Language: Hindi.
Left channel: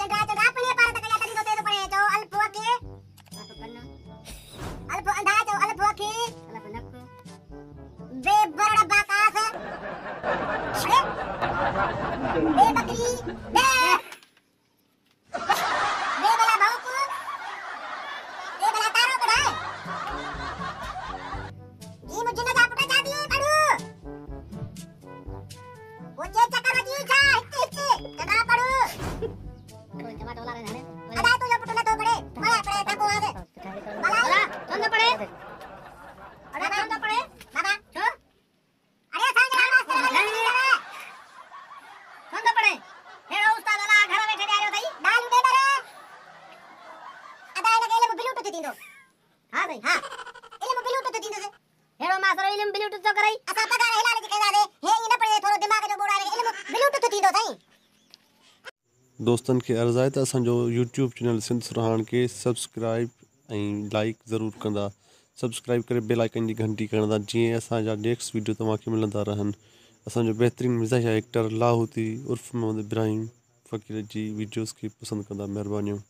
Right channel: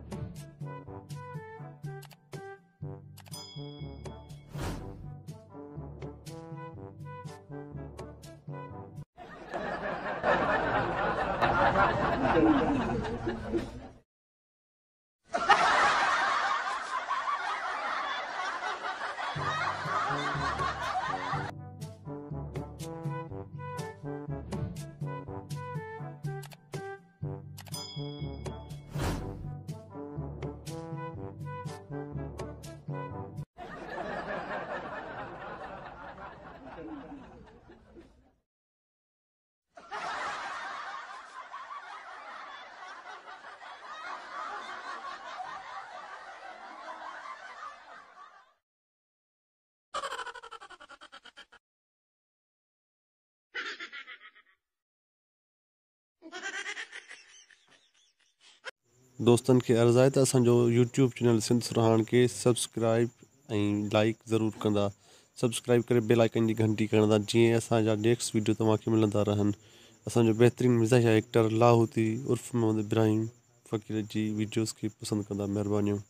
चंगा चंगा अपने पार तक या तरी तो तेरे पड़े जो अल्प के अल्प अंधा जो अल्प के बे बड़ा बाकास अरे बे बकरी बे बला बहुत बे बला तारो बड़ा ये मुझे ना जापटा जा दिए पड़ू वो जे चक्कर जी था इतने चका पड़ू जमा डॉलर है अदा तो जो पुटला तो पड़े पड़े पड़े तको आगे वाला कौन पड़े अरे नाम तो पड़े बाबा जो अरे सांग कौन तो पड़े हेड़ो उस्ताद वाला घर बैठे आयो तई दाल दे दरे अदा लगे ले ब्लूटूथ दींदो हां भाई हां एले ब्लूटूथ दींदो से हेड़ो मासरो इलम ब्लूटूथ तो करई असा पगार हेला के कह दे हे इन पड़े थोड़ो दिमाग जो बोड़ा ले ब्लूटूथ दींदो तई दोस्तन के अर्ज़ आहे त असांजो यूट्यूब चैनल सिंध सुरहान के सब्सक्राइब ऐं लाइक ज़रूरु कंदा सब्सक्राइब करे बेल आइकन जी घंटी खणंदा जीअं असांजा नेक्स्ट वीडियो तव्हांखे मिलंदा रहनि असांजो बहितरीनु मिज़ाहिया एक्टर लाहौती उर्फ़ मोहम्मद इब्राहिम फ़क़ीर जी वीडियोज़ खे पसंदि कंदा महिरबानियूं।